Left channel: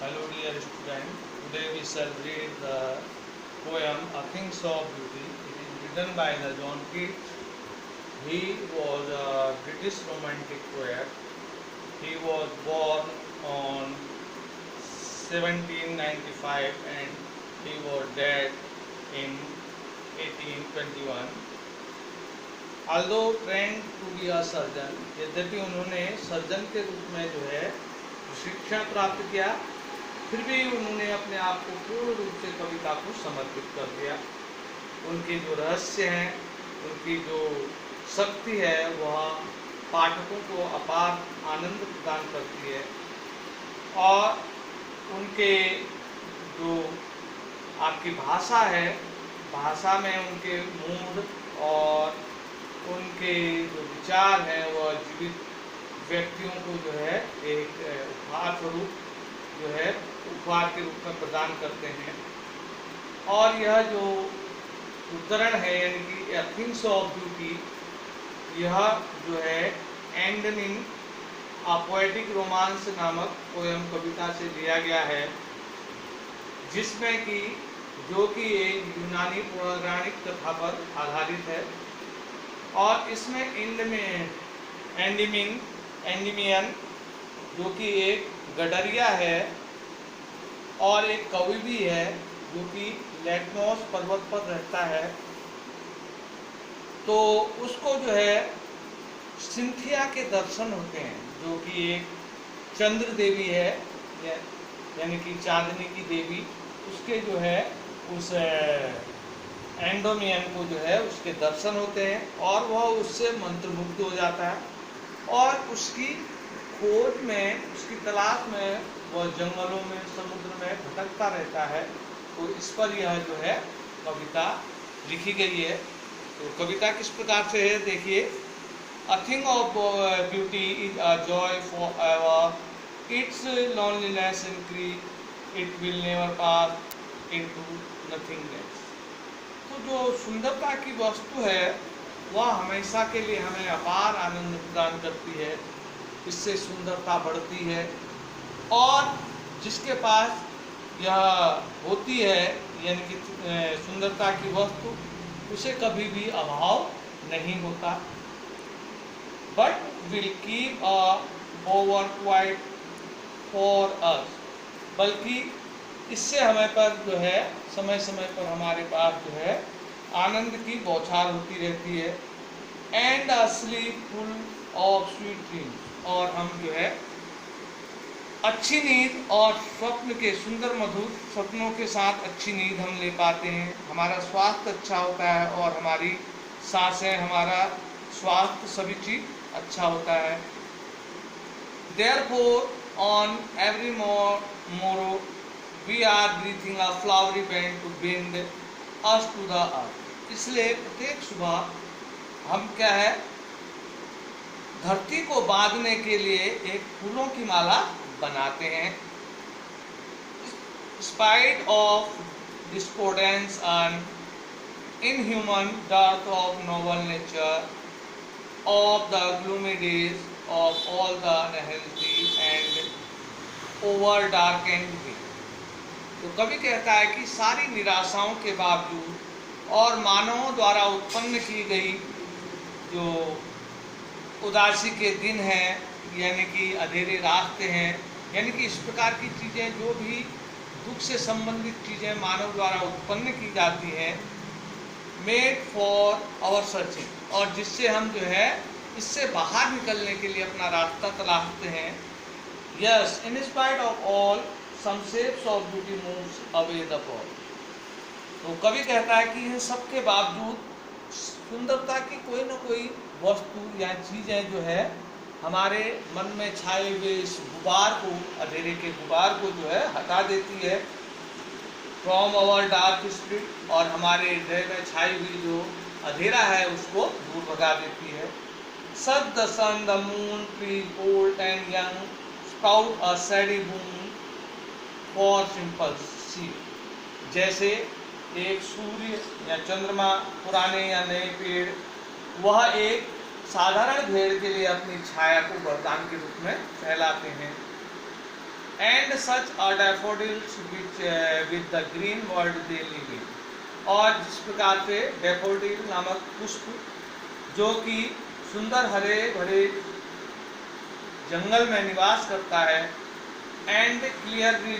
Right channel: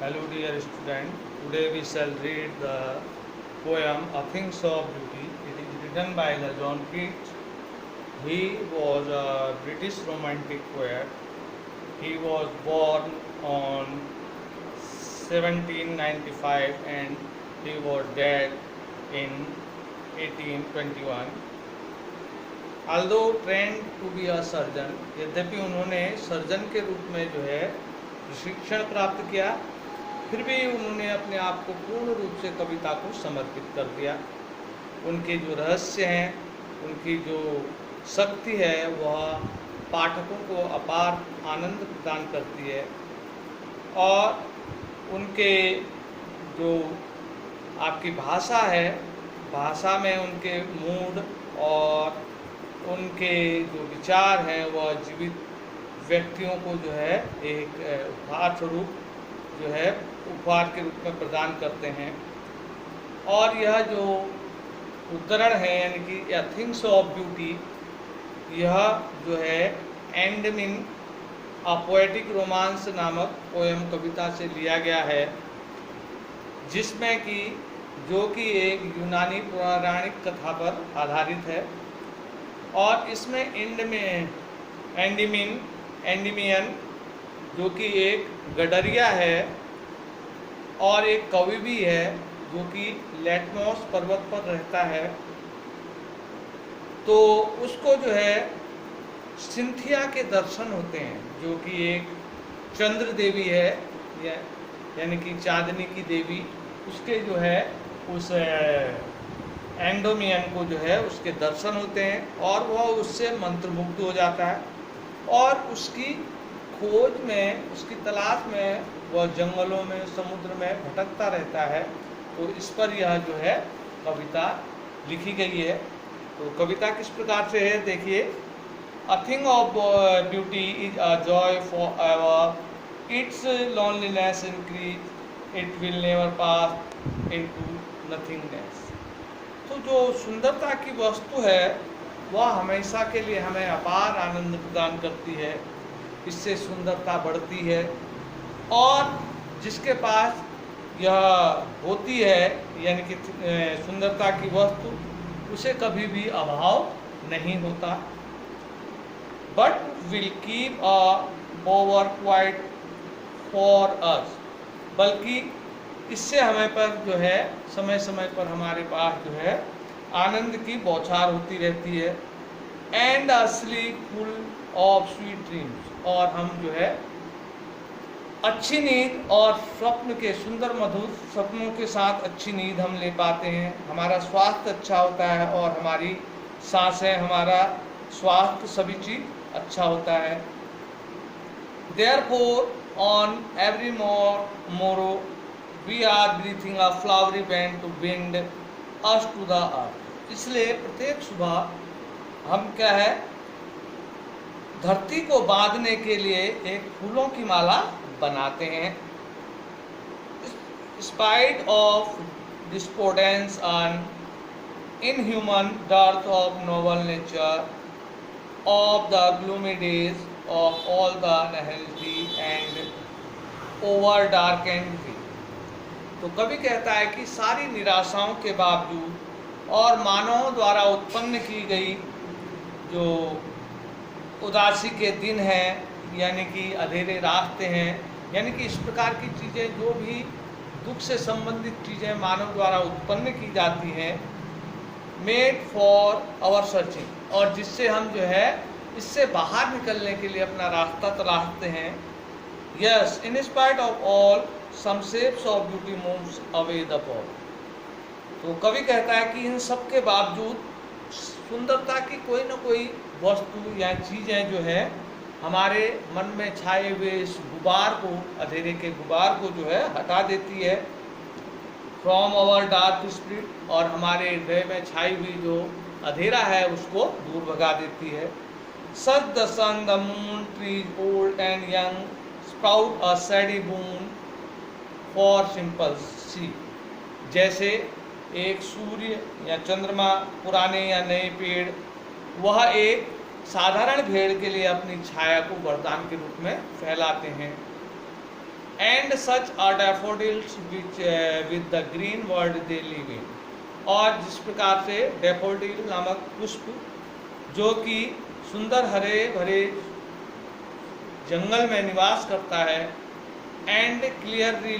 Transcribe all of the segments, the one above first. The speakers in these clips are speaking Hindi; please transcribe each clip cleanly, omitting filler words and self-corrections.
Hello dear student, today we shall read the poem A Things of Beauty. It is written by the John Keats. He was a British romantic poet. He was born on 1795 and he was dead in 1821. Although trained to be a surgeon, यद्यपि उन्होंने सर्जन के रूप में जो है प्रशिक्षण प्राप्त किया, फिर भी उन्होंने अपने आप को पूर्ण रूप से कविता को समर्पित कर दिया। उनके जो रहस्य हैं, उनकी जो शक्ति है, वह पाठकों को अपार आनंद प्रदान करती है और उनके जो आपकी भाषा है, भाषा में उनके मूड और उनके जो विचार हैं वह जीवित व्यक्तियों को जो है एक उपहार स्वरूप जो है उपहार के रूप में प्रदान करते हैं। और यह जो उद्धरण है यानी कि ए थिंग्स ऑफ ब्यूटी, यह जो है एंडमिन अ पोएटिक रोमांस नामक पोयम कविता से लिया गया है, जिसमें कि जो कि एक यूनानी पौराणिक कथा पर आधारित है। और इसमें एंडीमियन जो कि एक गडरिया है और एक कवि भी है जो कि लेटमोस पर्वत पर रहता है, तो उसको जो है सिंथिया के दर्शन होते हैं, जो कि एक चंद्र देवी है यानी कि चांदनी की देवी। उसके जो है उस एंडोमियन को जो है उसके दर्शन होते हैं और वह उससे मंत्रमुग्ध हो जाता है और उसकी खोज में, उसकी तलाश में वह जंगलों में, समुद्र में भटकता रहता है। तो इस पर यह जो है कविता लिखी गई है। तो कविता किस प्रकार से है देखिए। A thing of beauty is a joy for ever, it's loneliness increase, it will never pass into nothingness. तो जो सुंदरता की वस्तु है वह हमेशा के लिए हमें अपार आनंद प्रदान करती है, इससे सुंदरता बढ़ती है और जिसके पास यह होती है यानी कि सुंदरता की वस्तु, उसे कभी भी अभाव नहीं होता। But will keep a over quiet for us, बल्कि इससे हमें पर जो है समय समय पर हमारे पास जो है आनंद की बौछार होती रहती है। And a slip full of sweet dreams, और हम जो है अच्छी नींद और स्वप्न के सुंदर मधुर सपनों के साथ अच्छी नींद हम ले पाते हैं। हमारा स्वास्थ्य अच्छा होता है और हमारी सांसें, हमारा स्वास्थ्य सभी चीज अच्छा होता है। Therefore, on every morrow, we are breathing a flowery band to bind us to the earth. इसलिए प्रत्येक सुबह हम क्या है, धरती को बांधने के लिए एक फूलों की माला बनाते हैं। Spite of discordance and inhuman dearth of noble nature, of the gloomy days, of all the unhealthy and over darkened day. तो कवि कहता है कि सारी निराशाओं के बावजूद और मानवों द्वारा उत्पन्न की गई जो उदासी के दिन हैं यानी कि अधेरे रास्ते हैं, यानी कि इस प्रकार की चीज़ें, जो भी दुख से संबंधित चीज़ें मानव द्वारा उत्पन्न की जाती हैं, मेड फॉर आवर सर्चिंग, और जिससे हम जो है इससे बाहर निकलने के लिए अपना रास्ता तलाशते हैं। Yes, in spite of all some shapes of beauty moves away the fall. तो कवि कहता है कि इन सब के बावजूद सुंदरता की कोई ना कोई वस्तु या चीज़ें जो है हमारे मन में छाए हुए इस गुबार को, अंधेरे के गुबार को जो है हटा देती है। फ्रॉम आवर डार्क स्पिरिट, और हमारे हृदय में छाई हुई जो अंधेरा है उसको दूर भगा देती है। Such the sun the moon trees old and young sprout a shady boon for simple see. जैसे एक सूर्य या चंद्रमा, पुराने या नए पेड़, वह एक साधारण भेड़ के लिए अपनी छाया को वरदान के रूप में फैलाते हैं। And such are daffodils which with the green world they live in. और जिस प्रकार से डैफोडिल नामक पुष्प जो कि सुंदर हरे भरे जंगल में निवास करता है, and clearly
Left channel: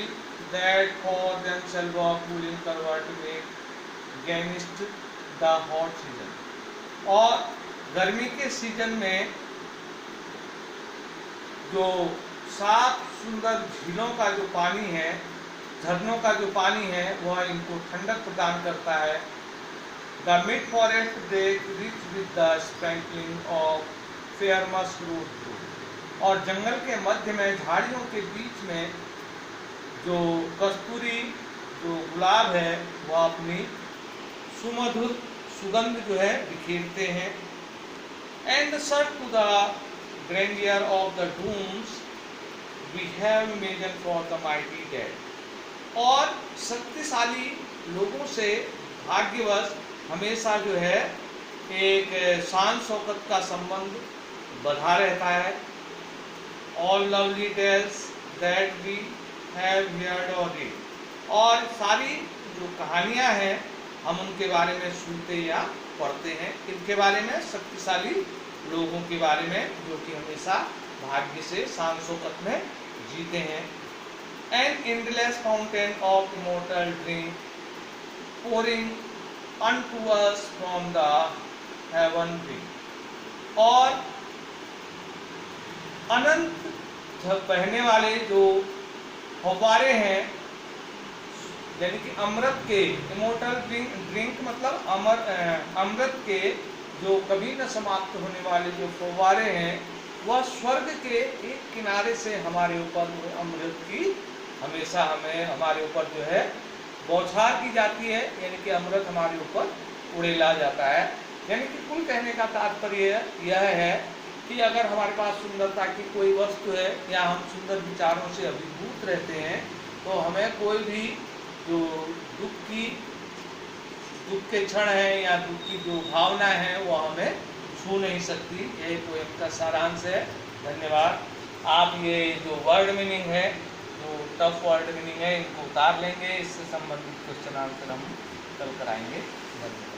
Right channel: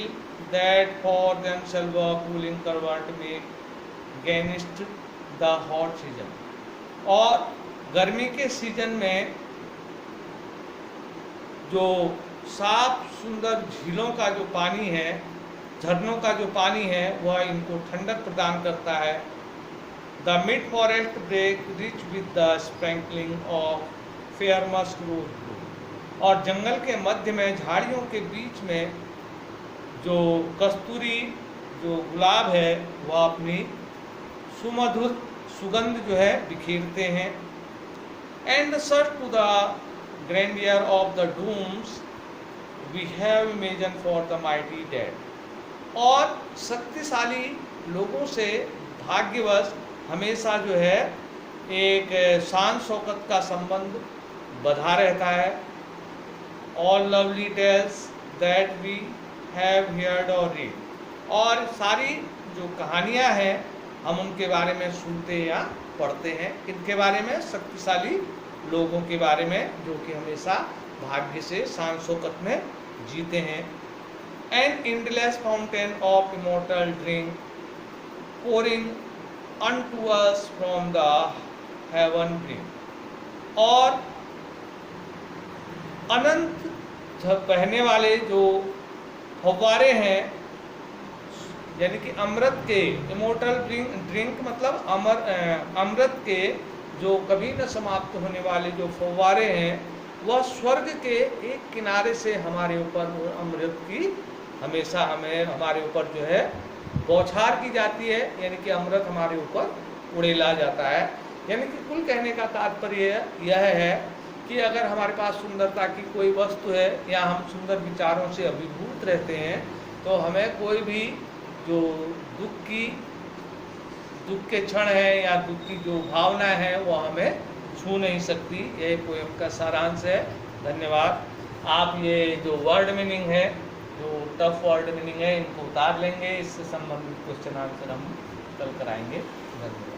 that for themselves of cooling करवट में गेनिस्ट द हॉट सीजन। और गर्मी के सीजन में जो साफ सुंदर झीलों का जो पानी है, झरनों का जो पानी है, वह इनको ठंडक प्रदान करता है। The mid forest brake rich with the sprinkling of fair musk rose. और जंगल के मध्य में झाड़ियों के बीच में जो कस्तूरी जो गुलाब है वह अपनी सुमधुर सुगंध जो है बिखेरते हैं। And search to the grandeur of the dooms we have imagine for the mighty dead. और शक्तिशाली लोगों से भाग्यवश हमेशा जो है एक शान शौकत का संबंध बधा रहता है। All lovely tales that we have heard or read. और सारी जो कहानियां हैं हम उनके बारे में सुनते या पढ़ते हैं। इनके बारे में शक्तिशाली लोगों के बारे में जो कि हमेशा भाग्य से शान शौकत में जीते हैं। An endless fountain of immortal drink pouring unto us from the heaven brink. और अनंत बहने वाले जो फव्वारे हैं, यानी कि अमृत के, इमोर्टल ड्रिंक मतलब अमृत के जो कभी न समाप्त होने वाले जो फव्वारे हैं, वह स्वर्ग के एक किनारे से हमारे ऊपर अमृत की हमेशा हमारे ऊपर जो है बौछार की जाती है, यानी कि अमृत हमारे ऊपर उड़ेला जाता है। यानी कि कुल कहने का तात्पर्य यह है कि अगर हमारे पास सुंदरता की कोई वस्तु है या हम सुंदर विचारों से अभिभूत रहते हैं, तो हमें कोई भी जो दुख के क्षण है या दुख की जो भावनाएं हैं वो हमें छू नहीं सकती। ये पोएम का सारांश है। धन्यवाद। आप ये जो वर्ड मीनिंग है, जो टफ वर्ड मीनिंग है, इनको उतार लेंगे। इससे संबंधित क्वेश्चन आंसर हम कल कराएंगे। धन्यवाद।